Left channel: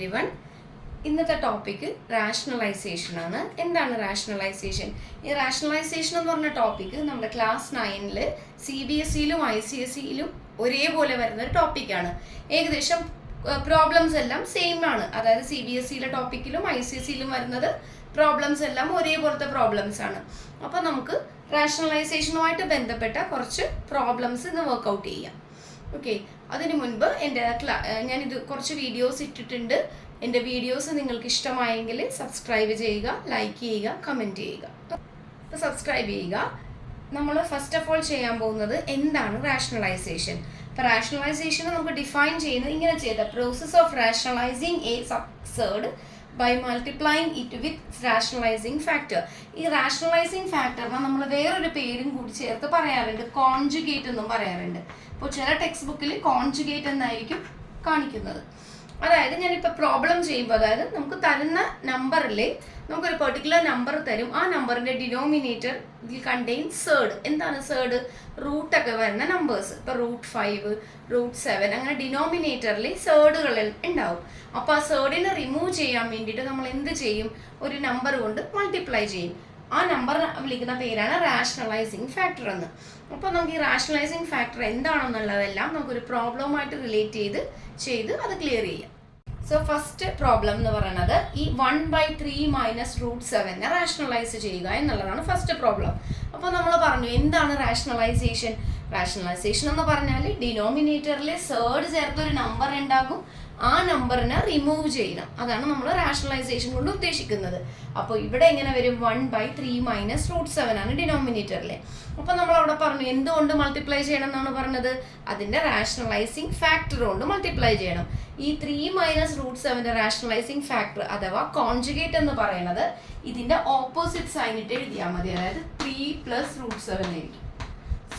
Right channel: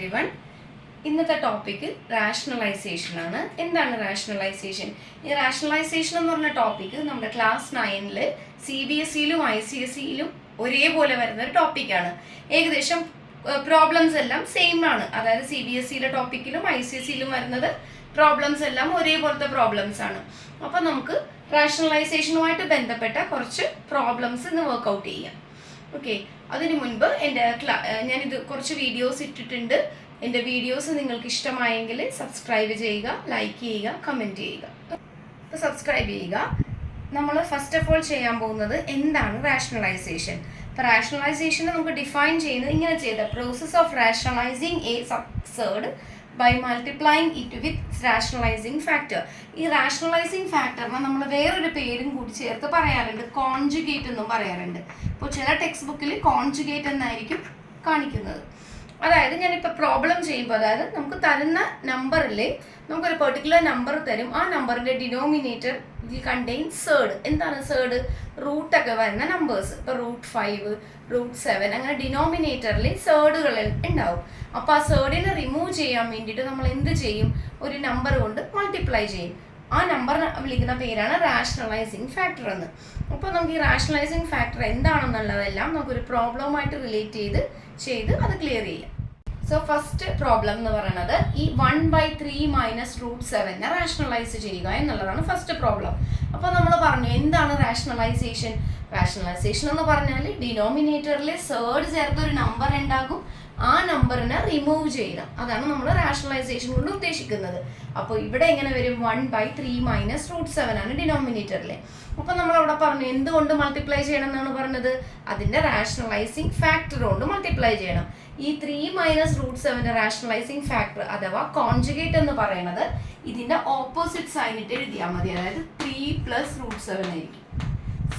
Everyone. ഇന്നത്തെ topic rationalisation ആണ്. എന്താണ് റാഷണലൈസേഷൻ? ഈ റാഷണലൈസേഷൻ എന്ന് പറഞ്ഞ ടോപ്പിക്ക് നമ്മുടെ ക്ലാസ് 9 CBSEയിലും ICSEയിലും ഒരേപോലെ വരുന്ന ഒരു ടോപ്പിക്കാണ്. ഏകദേശം പ്രോബ്ലംസ് എല്ലാം സെയിം ആണ്. അതായത് CBSEയിലെ ടോപ്പിക്കിലും ICSEയിലും വരുന്നത് പ്രോബ്ലംസ് എല്ലാം ഒരേപോലത്തെ പ്രോബ്ലംസ് ആണ്. അപ്പോൾ നമുക്ക് റാഷണലൈസേഷനുമായിട്ട് ബന്ധപ്പെട്ട കുറച്ച് പ്രോബ്ലംസ് ഇന്ന് വർക്ക്ഔട്ട് ചെയ്യാം. ഓക്കെ, അതിനു മുൻപ് ഞാനിത് കുറച്ച് വീഡിയോസ് ഇട്ടിട്ടുണ്ട്. എൻ്റെ വീഡിയോസ് നിങ്ങൾക്ക് ഇഷ്ടമായെങ്കിൽ സബ്സ്ക്രൈബ് ചെയ്യുക, ലൈക്ക് ചെയ്യുക, കമൻറ്റ് ചെയ്യുക. അപ്പോൾ സബ്സ്ക്രൈബ് ചെയ്യുക. നമ്മൾ ഫസ്റ്റ് ഓഫ് ഓൾ ചെയ്യാൻ പോകുന്നത് എന്താണ് റാഷണലൈസേഷൻ. അപ്പോൾ റാഷണലൈസേഷൻ നമുക്ക് ഡിഫൈൻ ചെയ്യുന്നത് ഇങ്ങനെ ചെയ്ത process of rationalising a surd by multiplying it with rationalising factor. ഈ റാഷണലൈസിങ് ഫാക്ടറിനെ നമ്മൾ വേറൊരു പേരും കൂടി ചേർത്ത് പറയാറുണ്ട്, കോൺജുഗേറ്റ് എന്നും പറയാറുണ്ട്. ഇപ്പോൾ ചില ടെക്സ്റ്റ് ബുക്കിൽ കോൺജുഗേറ്റ് എന്നായിരിക്കും കാണിക്കുന്നത്. അതായത് ഞാനിപ്പോൾ പ്രോബ്ലം ചെയ്യുമ്പോൾ, അതായത് നമുക്ക് തരുന്ന നമ്പറിൽ നമുക്കൊരു പെർട്ടിക്കുലർ നമ്പർ തരും. ആ നമ്പറിൻ്റെ ഡിനോമിനേറ്റർ കണ്ടെയ്ൻ സേർഡ്. എന്താണ് സേർഡ്? റൂട്ടൊക്കെ വരുന്ന നമ്പേഴ്സ്. ഇപ്പോൾ √5, √7 അങ്ങനെ ഡിനോമിനേറ്ററിൽ സേർഡുകൾ ഉണ്ടാവും. അപ്പോൾ ആ സേർഡിനെ റിമൂവ് ചെയ്യാൻ വേണ്ടിയിട്ട് നമ്മൾ എന്ത് ചെയ്യും? ഒരു നമ്പർ കൊണ്ട് മൾട്ടിപ്ലൈ ചെയ്യും. ആ നമ്പർ വിളിക്കുന്ന പേരാണ് റാഷണലൈസിങ് ഫാക്ടർ എന്ന്. അപ്പോൾ നമുക്ക് ഈ റാഷണലൈസിങ് ഫാക്ടർ എന്താണെന്നുള്ളതെല്ലാം നമുക്കൊരു പ്രോബ്ലമായിട്ട് റിലേറ്റ് ചെയ്ത് അത് ക്ലിയർ ചെയ്യാം. സോ ഫസ്റ്റ് പ്രോബ്ലം എന്ന് പറയുന്നത് ഈ 1/3 - √7 റാഷണലൈസ് ചെയ്യുക എന്നുള്ളതാണ് ഫസ്റ്റ് പ്രോബ്ലം. അപ്പോൾ നമ്മൾ പറഞ്ഞു എന്താണ് റാഷണലൈസേഷൻ. റാഷണലൈസേഷൻ എന്ന് പറഞ്ഞാൽ ഡിനോമിനേറ്ററിൽ സേർഡ് ചേർത്ത് ഒരു നമ്പർ ഉണ്ടാകും, ആ നമ്പറിനെ റിമൂവ് ചെയ്യണം. അതാണ് നമ്മൾ റാഷണലൈസേഷൻ കൊണ്ട് ഉദ്ദേശിക്കുന്നത്. അപ്പോൾ ഇവിടെ എങ്ങനെ വരും? 1/3 - √7 ആണ് ഡിനോമിനേറ്ററിൽ. അപ്പോൾ നമ്മൾ അവിടെ പറഞ്ഞു എന്തുകൊണ്ട് മൾട്ടിപ്ലൈ ചെയ്യണം എന്നാണ് പറഞ്ഞത്? അതിൻ്റെ റാഷണലൈസിങ് ഫാക്ടർ കൊണ്ട് മൾട്ടിപ്ലൈ ചെയ്യണം. ഈ 3 - √7 റാഷണലൈസിങ് ഫാക്ടർ അഥവാ കോൺജുഗേറ്റ് എന്ന് പറയുന്നത് ഇതിൻ്റെ ഓപ്പോസിറ്റ് സൈനിട്ട് എഴുതിയാൽ മതി. അതായത് 3 + √7 ആയിരിക്കും.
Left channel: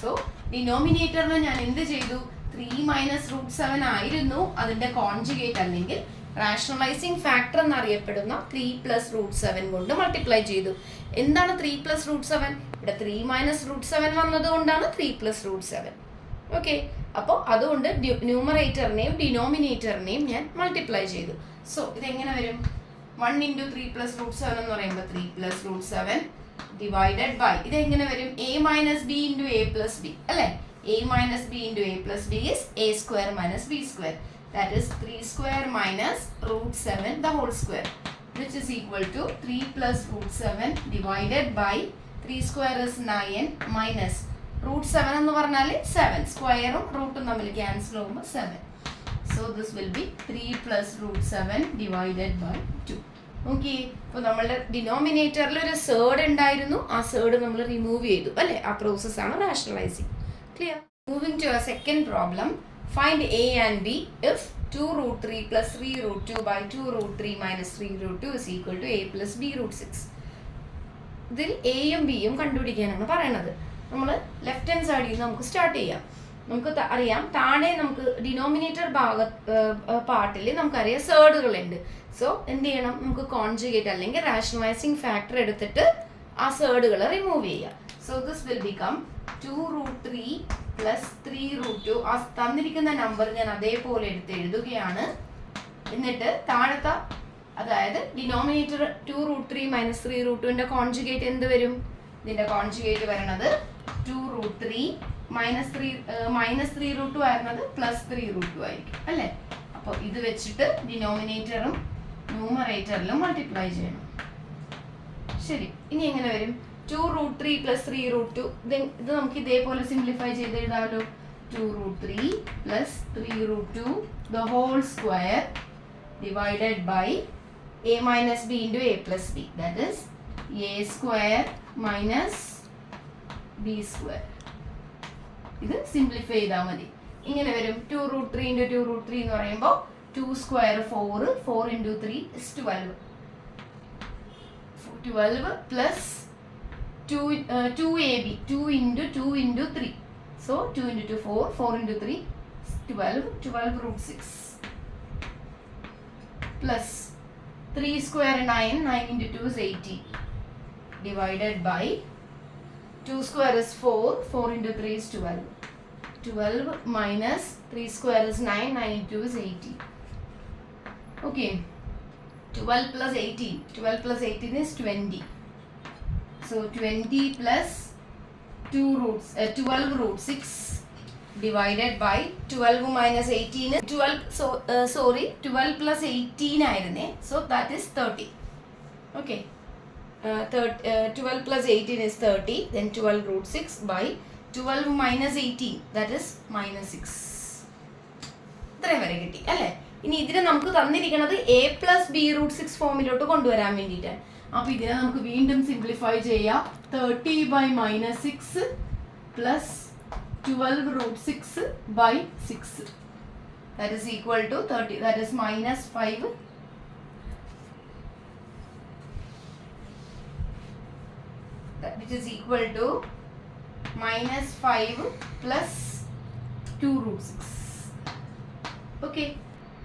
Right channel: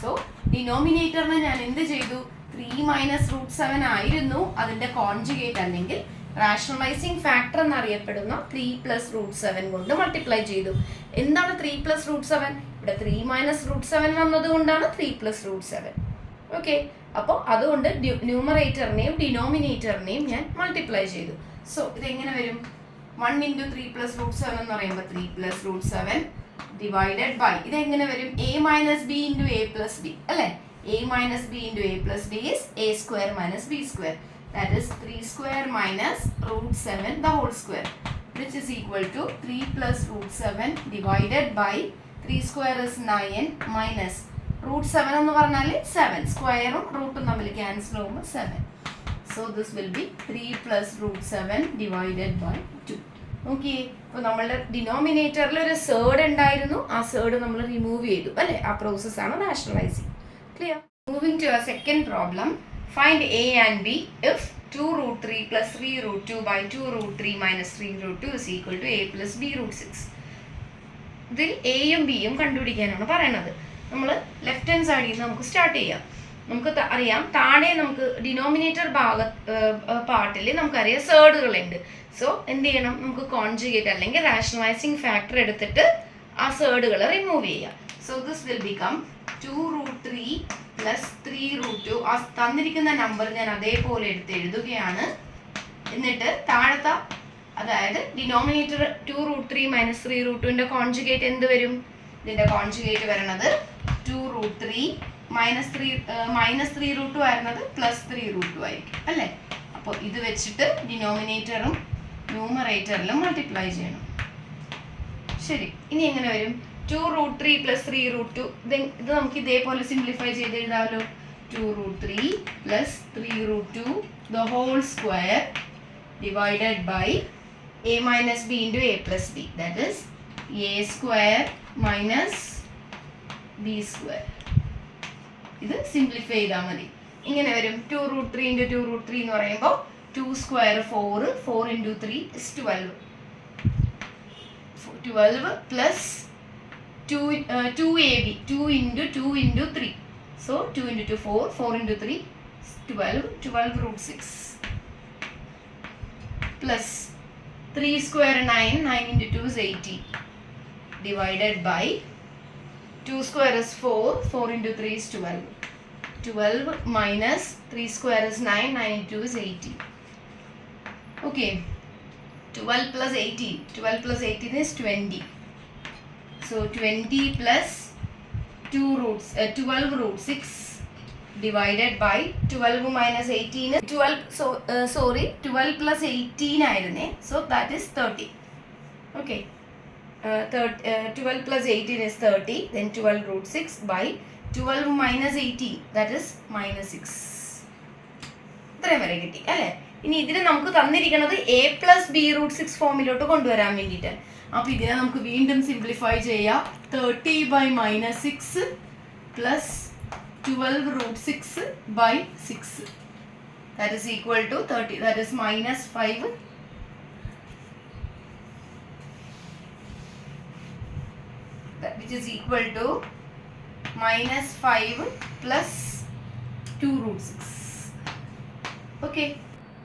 സോ ഡിനോമിനേറ്ററിനെ ഞാൻ എന്ത് ചെയ്തു? 3 - √7 ആയിരുന്നു അതിൻ്റെ കോൺജുഗേറ്റ്, അല്ലെങ്കിൽ റാഷണലൈസിങ് ഫാക്ടർ എന്നറിയപ്പെടുന്ന 3 + √7 കൊണ്ട് മൾട്ടിപ്ലൈ ചെയ്തു. എന്താണ് 3 + √7? ഇവിടെ 3 - √7 വന്നതുകൊണ്ടാണ് 3 + √7. ഓക്കെ, അപ്പോൾ അതുകൊണ്ട് ന്യൂമറേറ്ററിനെയും ഡിനോമിനേറ്ററിനെയും ഞാൻ മൾട്ടിപ്ലൈ ചെയ്തു. സോ ഇതെങ്ങനെ വരും? 1 × 3 + √7 എന്ന് പറയുമ്പോൾ 3 + √7 ഡിവൈഡഡ് ബൈ ഇതെങ്ങനെ വരും? a - b × a + b അല്ലേ? a - b × a + b is a² - b². That is 3² - √7 the whole square, which is equal to 3 + √7 divided by 3² is 9 minus √7 എന്ന് പറഞ്ഞാൽ 7. സ്ക്വയറും റൂട്ടും തമ്മിൽ ക്യാൻസൽ ആകുമ്പോൾ 7. So this will be 3 + √7 divided by 2. Okay, ഇപ്പോൾ നമ്മളുടെ ഡിനോമിനേറ്ററിൽ ഒരു സേർഡ് ഉണ്ടായിരുന്നു, ആ സേർഡ് നമ്മൾ റിമൂവ് ചെയ്തു അല്ലേ? ആ പ്രോസസ്സാണ് rationalising. Clear? Moving to a second problem. Find a and b if 2√3 + 3√2 by 2√3 - 3√2 is equal to a + b √6. ഇതിൽ എയും ബിയും കണ്ടുപിടിക്കാനാണ് പറയണത്. നമ്മൾ ലെഫ്റ്റ് ഹാൻഡ് സൈഡിൽ നിന്ന് നമുക്ക് സ്റ്റാർട്ട് ചെയ്യാം. നമുക്ക് അറിയാം താഴെ നമുക്ക് ഡിനോമിനേറ്റർ പാർട്ടിൽ നമുക്കറിയാം സേർഡുകളുണ്ട്. സോ എന്ത് ചെയ്യണം? നമുക്ക് കോൺജുഗേറ്റ് അല്ലെങ്കിൽ റാഷണലൈസിങ് ഫാക്ടർ എടുത്തിട്ട് ആ സേർഡുകൾ റിമൂവ് ചെയ്യുക. So this will become 2√3 + 3√2. ആ തന്നിരിക്കുന്ന നമ്പർ ഞാൻ അതേപോലെ എടുത്ത് എഴുതുകയാണ്. എന്നിട്ട് താഴത്തെ, അതായത് ഡിനോമിനേറ്റർ 2√3 - 3√2ന്റെ കോൺജുഗേറ്റ് എന്ത് വരും? ഇതിന്റെ കോൺജുഗേറ്റ് വരുന്നത് 2√3 - 3√2 ആയിരുന്നത് +3√2 ആയിരിക്കും അല്ലേ? അപ്പോൾ ഇത് വെച്ചിട്ട് ഡിനോമിനേറ്ററും ന്യൂമറേറ്ററിലും മൾട്ടിപ്ലൈ ചെയ്യണം. ശരി, ഇനി എങ്ങനെ വരും? 2√3 + 3√2. ഇത് നമുക്ക് ഇതേപോലെ സിംപ്ലിഫൈ ചെയ്ത് എഴുതാമല്ലോ. 2√3 + 3√2 the whole square divided by a - b × a + b. That is a² - b². ഇത് സിംപ്ലിഫൈ ചെയ്താൽ മതി. ഇങ്ങനെ വരും 2√3 × 2√3 എന്ന് പറയുമ്പോൾ 2² 4, 4 × 3 is 12. 12 plus 2ab, 2 × 2 × 3. So 2 × 2 4, 4 × 3 12, 12 √6 plus 3² 9, 9 × 2 is 80 divided by 2² is 4, 4 × 3 is 12. 12 minus 3² is 9, 9 × 2 is 80. Okay, 12 plus 18. 12 plus 18 is 20. So 20 plus 12 root 6 divided by 12 minus 18 is 12 plus 18 ആയിരുന്നേ. So that is 30. Okay. 12 plus 18 is 30. Then 12 root 6 by 12 minus 18, that is minus 6. ഇത്രയും വരെ കിട്ടി അല്ലേ? ഇനി ഇതിനെ നമുക്ക് തന്നിരിക്കുന്നത് a plus b root 6 ഫോമിലോട്ട് കൊണ്ടുവരാൻ വേണ്ടിയിട്ട്. അപ്പോൾ ഇതിനെ നമുക്ക് വീണ്ടും സിംപ്ലിഫൈ ചെയ്യാം. 30 by minus 6 plus 12 root 6 by 6. That is equal to 30. That is minus 5. Which is equal to minus 5 plus 2 root 6. Okay.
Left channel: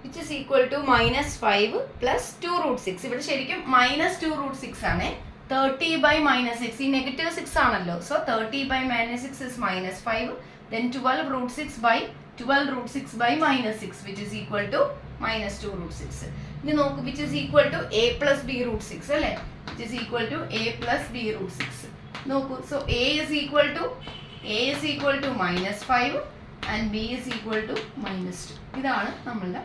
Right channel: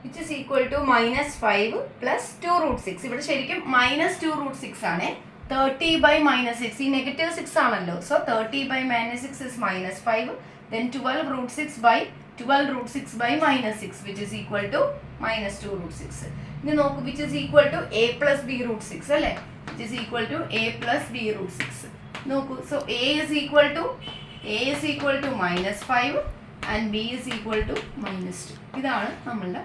Which is equal to minus 5 plus 2 root 6. ഇവിടെ ശരിക്കും minus 2 root 6 ആണ്. 30 by minus 6. ഈ negative 6 ആണല്ലോ. So 30 by minus 6 is minus 5. Then 12 root 6 by 12 root 6 by minus 6, which is equal to minus 2 root 6. ഇനി നോക്കൂ, which is equal to a plus b root 6 അല്ലേ? Which is equal to a plus b root 6. നോക്കൂ, so a is equal to minus 5 and b is equal to minus 2. ഇതാണ് നമ്മളുടെ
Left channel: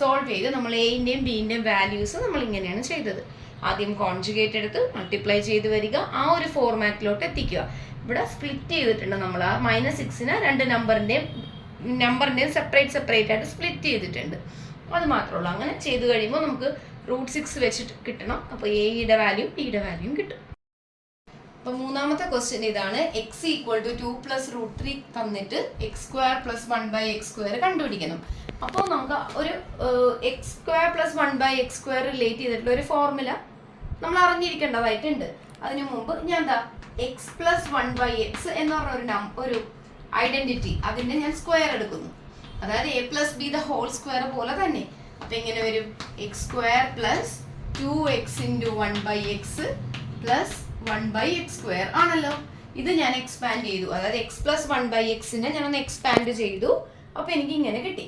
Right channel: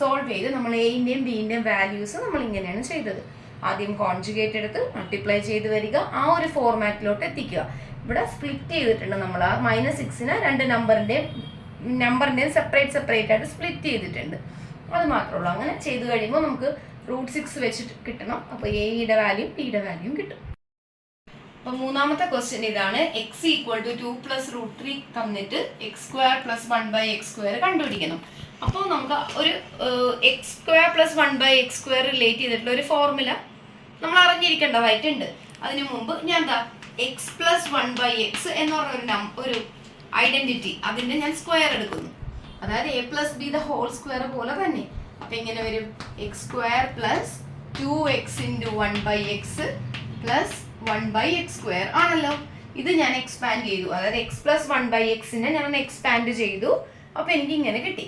solve ചെയ്ത് നമ്മൾ എൻ്റെയും ബിൻ്റെയും values നമ്മൾ ഇങ്ങനെയാണ് ചെയ്തത്. ആദ്യം കോൺജുഗേറ്റ് എടുത്ത് മൾട്ടിപ്ലൈ ചെയ്ത് വരിക, ആ ഒരു ഫോർമാറ്റിലോട്ട് എത്തിക്കുക. ഇവിടെ സ്പ്ലിറ്റ് ചെയ്തിട്ടുണ്ട് നമ്മൾ. ആ -6നെ രണ്ട് നമ്പറിൻ്റെയും സെപ്പറേറ്റ് ആയിട്ട് സ്പ്ലിറ്റ് ചെയ്തിട്ടുണ്ട്. അത് മാത്രമേ ഉള്ളൂ. അങ്ങനെ ചെയ്ത് കഴിയുമ്പോൾ നമുക്ക് root 6 വെച്ചിട്ട് കിട്ടണം. അപ്പോൾ എയുടെ വാല്യൂ ബിയുടെ വാല്യൂയും കിട്ടും. അപ്പോൾ മൂന്നാമത്തെ ക്വസ്റ്റ്യൻ ഇതാണ്. x equal to 2 plus root 3 തന്നിട്ട് എക്സ് സ്ക്വയർ പ്ലസ് 1/x² കണ്ടുപിടിക്കണം. അപ്പോൾ നമുക്ക് ഒരു X square plus 1/x² relate ചെയ്തിട്ടുള്ള ഒരു ഫോർമുല നമ്മൾ അറിഞ്ഞിരിക്കേണ്ടതായിട്ടുണ്ട്. അതിനു മുമ്പ് ഞാൻ എന്താ എക്സ് പ്ലസ് 1/x എന്ന് പറഞ്ഞ ഒരു ഐഡന്റിറ്റി, അതിൻ്റെ ഞാൻ സ്ക്വയർ എടുക്കുന്നു. അതായത് a plus B the whole square പോലെ തന്നെ. അപ്പോൾ ഇങ്ങനെ വരും x square plus 2x into 1/x plus 1/x² ആണല്ലോ. ഇത് ഞാൻ എക്സ്പാൻഡ് ചെയ്തു. അതായത് എക്സ് പ്ലസ് 1/x-നെ ഞാനൊന്ന് എക്സ്പാൻഡ് ചെയ്തു. അപ്പോൾ എനിക്ക് ഇങ്ങനെ കിട്ടി.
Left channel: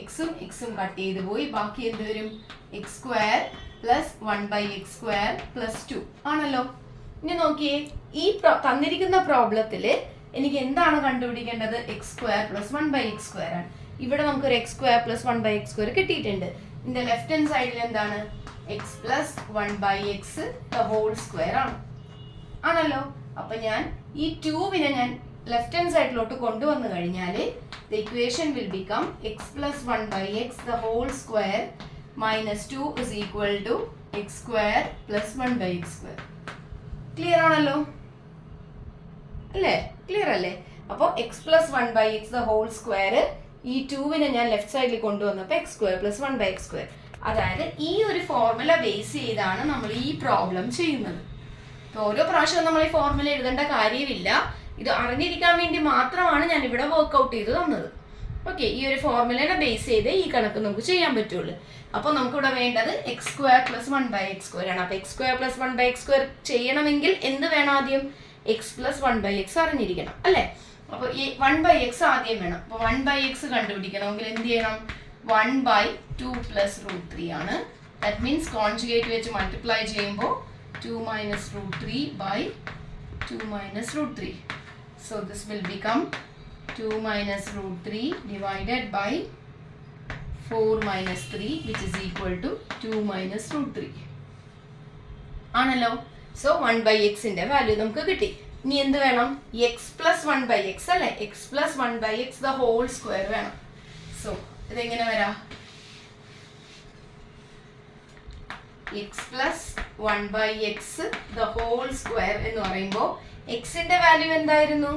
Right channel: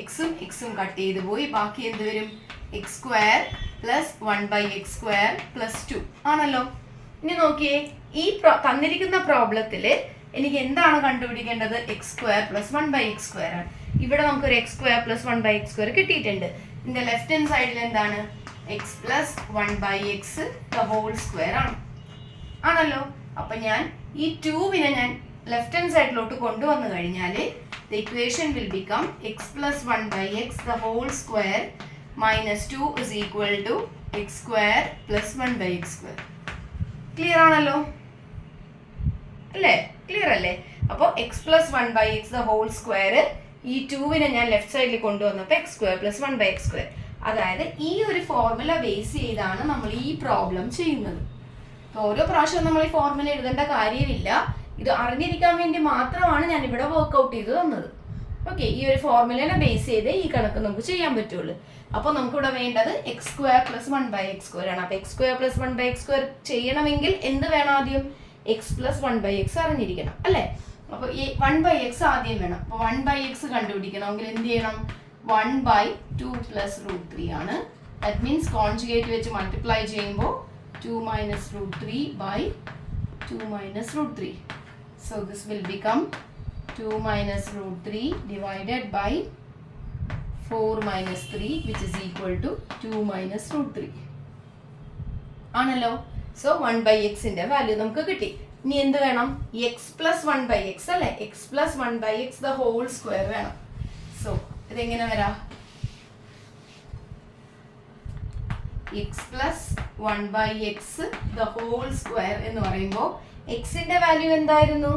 എക്സും കട്ട് ചെയ്ത് പോയി. ബാക്കി എന്ത് വരും? X square plus 1/x² plus 2 ആണല്ലോ. ഇനി നോക്കിയേ, ഈ തന്നിരിക്കുന്ന പ്രോബ്ലത്തിൽ എനിക്ക് എന്താണ് കണ്ടുപിടിക്കേണ്ടത്? എക്സ് സ്ക്വയർ പ്ലസ് 1/x² ആണ്. ഇവിടെ നമുക്കൊരു എക്സ് സ്ക്വയർ പ്ലസ് 1/x² കിട്ടിയിട്ടുണ്ട്. ഇതിൻ്റെ ലെഫ്റ്റ് ഹാൻഡ് സൈഡിൽ എന്താണ്? X plus 1/x the whole square ആണല്ലോ. അപ്പം ഞാൻ ഈ 2വിനെ ഞാൻ ലെഫ്റ്റ് ഹാൻഡ് സൈഡിലോട്ട് കൊണ്ടുവന്നു കഴിഞ്ഞാൽ the equation will become x plus 1/x the whole square minus 2 is equal to x square plus 1/x². Clear ആണല്ലോ അല്ലേ? ക്ലിയർ അല്ലേ? അപ്പോൾ x plus 1/x the whole square, ഈ 2വിനെ ഞാൻ ലെഫ്റ്റ് സൈഡിൽ കൊണ്ടുവന്നപ്പോൾ എക്സ് സ്ക്വയർ പ്ലസ് 1/x². അതായത് ഈ ഒരു ഫോർമുല ബേസ് ചെയ്താണ് നമ്മൾ ഈ പ്രോബ്ലം ചെയ്യുന്നത്. അപ്പോൾ ഓരോ പ്രാവശ്യവും നമ്മൾ ഈ ഫോർമുല എഴുതേണ്ട കാര്യമില്ല. ഇത് അറിഞ്ഞിരിക്കാൻ വേണ്ടി മാത്രമാണ് ഞാൻ ഇവിടെ വർക്ക്ഔട്ട് ചെയ്ത് തന്നത്. ഓക്കെ, ഈ ഒരു ഫോർമുലേനെ ബേസ് ചെയ്ത് ഈ കണക്ക് നമുക്ക് ചെയ്യാൻ പറ്റുള്ളൂ. അപ്പോൾ നമുക്കിവിടെ വേണ്ടത് എക്സ് സ്ക്വയർ പ്ലസ് 1/x² ആണ്. അപ്പോൾ എക്സ് സ്ക്വയർ പ്ലസ് 1/x² ചെയ്യണമെങ്കിൽ എന്ത് വേണം? ആദ്യം എക്സ് പ്ലസ് 1/x അറിഞ്ഞിരിക്കണം അല്ലേ? അപ്പോൾ ഈ 1/x ആദ്യം വേണം. അപ്പോൾ 1/x കണ്ടുപിടിക്കണമെങ്കിൽ എന്ത് ചെയ്യണം? 1/2 പ്ലസ് റൂട്ട് 3 ആണ്. ദാറ്റ് മീൻസ് കോൺജുഗേറ്റ് വെച്ച് മൾട്ടിപ്ലൈ ചെയ്യുമ്പോൾ 2 minus root 3 by 2 minus root 3. So this will become 2 minus root 3 divided by 4 minus 3, which is equal to 2 minus root 3 ആണല്ലോ. സോ 1/x-ന്റെ വാല്യൂ നമുക്ക് കിട്ടി. ഇനി എന്ത് വേണം? എക്സ് പ്ലസ് 1/x അല്ലേ? X plus 1/x the whole square വേണം. So ഇതെങ്ങനെ വരാം? X plus 1/x the whole square എന്ന് പറയുമ്പോൾ എക്സിന്റെ വാല്യൂ എന്തായിരുന്നു?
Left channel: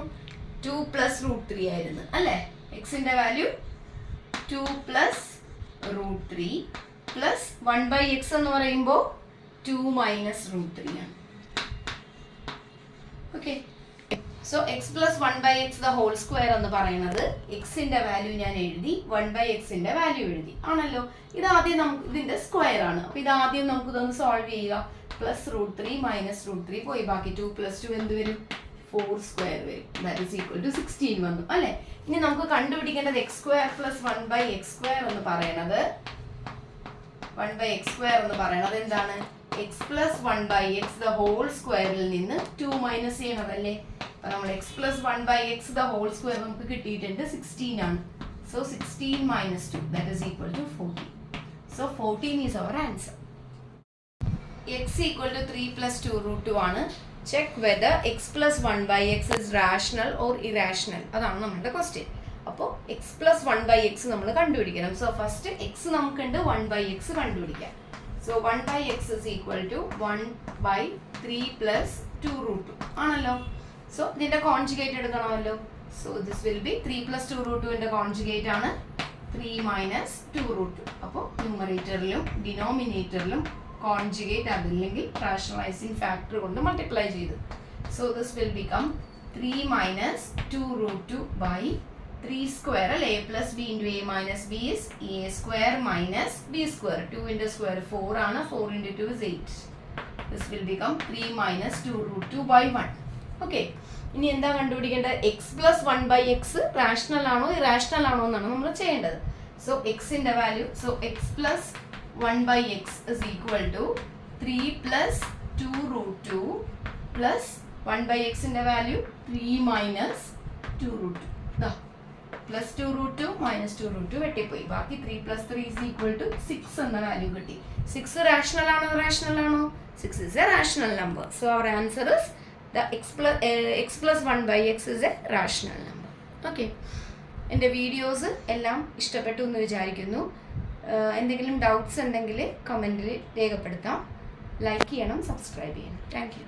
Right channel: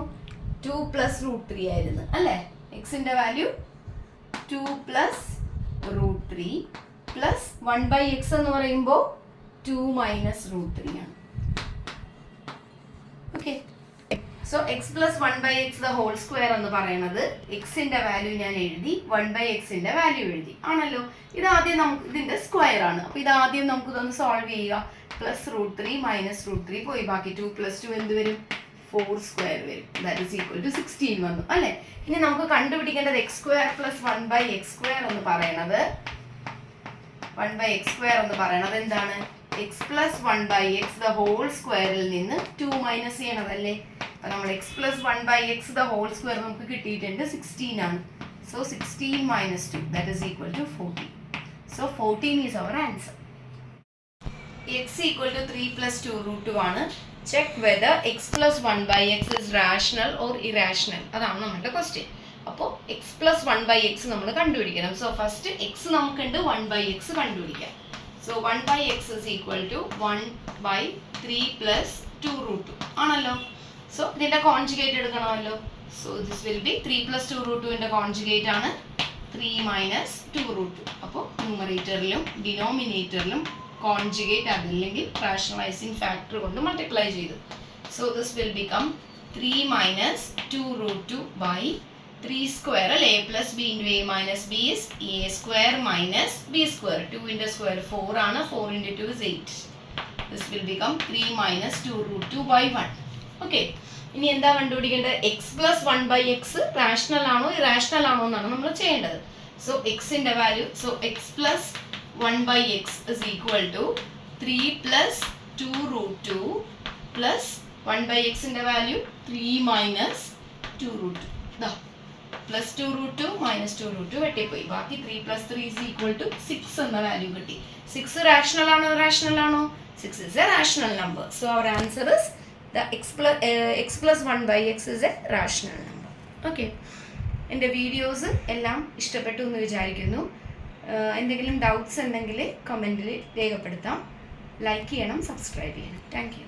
2 പ്ലസ് റൂട്ട് 3 ആയിരുന്നു അല്ലേ? എക്സിന്റെ value 2 plus root 3 plus 1/x എന്ന് പറയുമ്പോൾ 2 മൈനസ് റൂട്ട് 3 ആണ്. Okay, so x plus 1/x the whole square എന്ന് പറയുന്നത് എക്സിന്റെ വാല്യൂ ഞാൻ എഴുതി, 1/x-ന്റെ വാല്യൂ എഴുതി ആണല്ലോ. ഇതാദ്യം നമുക്ക് ഇതിന്റെ സ്ക്വയർ ആണ്. അപ്പോൾ ഇതാദ്യം നമുക്ക് ഇതൊന്ന് സോൾവ് ചെയ്യുക. പ്ലസ് റൂട്ട് 3 മൈനസ് റൂട്ട് 3 പോയി. ബാക്കി 2 പ്ലസ് 2 എന്ത് വരും? 4 സ്ക്വയർ വരും. ദാറ്റ് ഈസ് ഈക്വൽ ടു 16 വന്നു അല്ലേ? ഇനി നമുക്ക് കണ്ടുപിടിക്കേണ്ടത് എക്സ് സ്ക്വയർ പ്ലസ് 1/x² എന്ന് പറയുന്നത് 1/x² എന്ന് പറയുന്നത് എന്താണ്? x plus 1/x the whole squareൽ നിന്ന് 2 മൈനസ് ചെയ്യണതല്ലേ. അപ്പോൾ നമ്മൾ x plus 1/x the whole square നമുക്ക് കിട്ടിയിട്ടുണ്ട് 16 ആണ്. So 16 minus 2 that is equal to 14. So 14 is our answer. x equal to 3 plus 2 root 2 ആണ്. Check whether x plus 1/x is rational or irrational. അതാണ് നമ്മുടെ question. അപ്പോൾ x plus 1/x നമ്മൾ കണ്ടുപിടിക്കണം. So first x നമുക്കുണ്ട്, 1/x കണ്ടുപിടിക്കാം. So 1/x is equal to 1/3 plus 2 root 2 ആണല്ലോ. So ഇതിൻ്റെ കോൺജുഗേറ്റ് എടുക്കണമല്ലോ. So this will be 3 plus 2 root 2ൻ്റെ കോൺജുഗേറ്റ് ആണ് 3 minus 2 root 2. അപ്പോൾ ന്യൂമറേറ്ററിലും ഡിനോമിനേറ്ററിലും കോൺജുഗേറ്റ് അതില്ലെങ്കിൽ റാഷണലൈസിങ് ഫാക്ടർ കൊണ്ട് മൾട്ടിപ്ലൈ ചെയ്തു. So this will become 3 minus 2 root 2 by 3 square അല്ലേ. a plus b into a minus b is a square minus b square. 2 into square 4 ആണ്. 4 into 2 is 8. This will become 3 minus 2 root 2 by 1. Okay. ഇനി എന്താ കണ്ടുപിടിക്കേണ്ടത്? x plus 1/x rational ആണോ irrational ആണോ എന്നാണ് നമ്മൾ ചെയ്യേണ്ടത്. സോ എക്സിൻ്റെ value, so x plus 1/x is equal to 3 plus 2 root 2 plus 1/xൻ്റെ value 3 minus 2 root 2. ദാ plus 2 root 2 minus 2 root 2 വെട്ടിപ്പോയി. ബാക്കി 3 plus 3 is equal to 6 എന്ന വാല്യൂ കിട്ടി. 6 റാഷണൽ ആണോ ഇറാഷണൽ ആണോ? 6 is a rational number. So our answer is the x plus 1/x is a rational number. Okay. എൻ്റെ videos എല്ലാം ഇഷ്ടപ്പെട്ടു എന്ന് വിചാരിക്കുന്നു. എന്തെങ്കിലും ഡൗട്ട്സ് ഉണ്ടെങ്കിൽ കമൻറ്റിൽ രേഖപ്പെടുത്താം. ലൈക്ക് ചെയ്യണം, സബ്സ്ക്രൈബ് ചെയ്യണം. Thank you.